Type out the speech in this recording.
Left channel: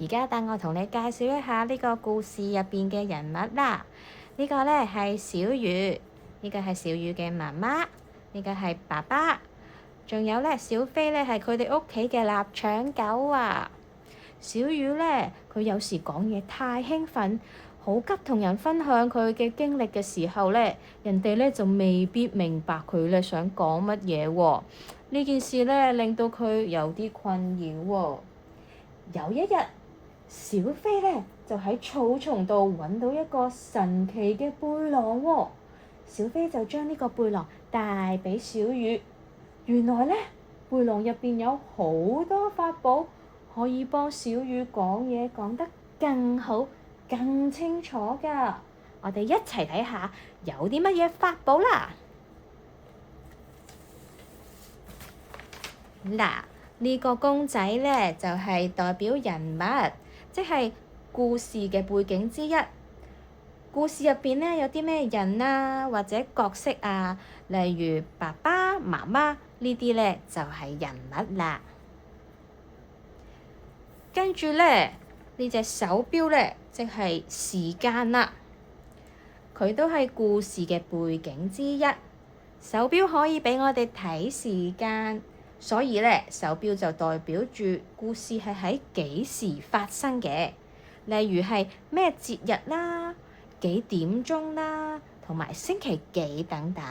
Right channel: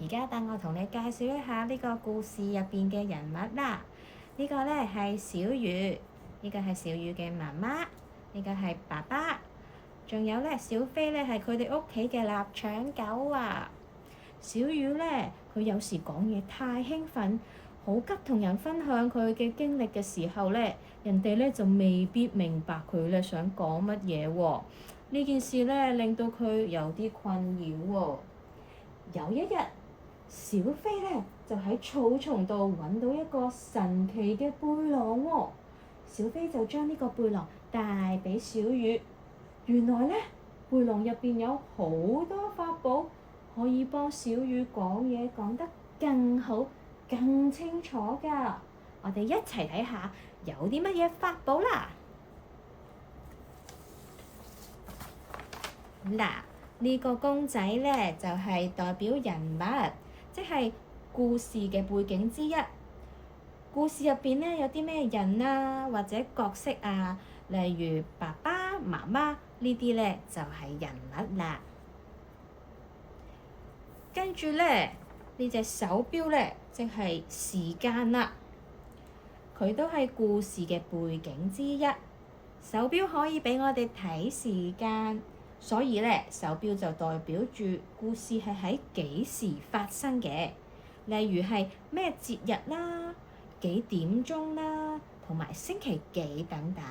而家等我同你介紹一下呢個故事入邊嘅人物啦。呢個呢係小魚，呢個係小魚嘅媽媽，呢個係爸爸，仲有呢小飛呢係佢哋屋企嘅臘腸狗啊。小魚呢，佢有時講嘢太興奮，好急同人分享佢嘅經歷嘅時候呢，人哋呢就未必明白佢呢想講乜嘢喎。呢件事呢令到佢有啲困擾喎。有一日，小飛呢就喺草叢度揾到一個神奇嘅背囊喎。小飛就將呢個背囊帶俾小魚。原來呢，背囊入邊有好多法寶，可以幫小魚講嘢講得更好、更清楚㗎。我哋一齊睇下有啲乜嘢法寶啦。嗱，呢個公仔呢，就係代表人物，即係故事嘅背景之一。故事入邊呢，有啲咩人啊，或者角色啊，例如爸爸媽媽呢啲呢，就係人物啦。跟住呢，呢隻手錶呢，即係時間啦。佢都係故事嘅背景之一。手錶可以俾我哋睇時間，所以呢，手錶就代表住故事係喺幾時發生嘅，例如係咩節日啦、幾點鐘啦，同埋星期幾等等。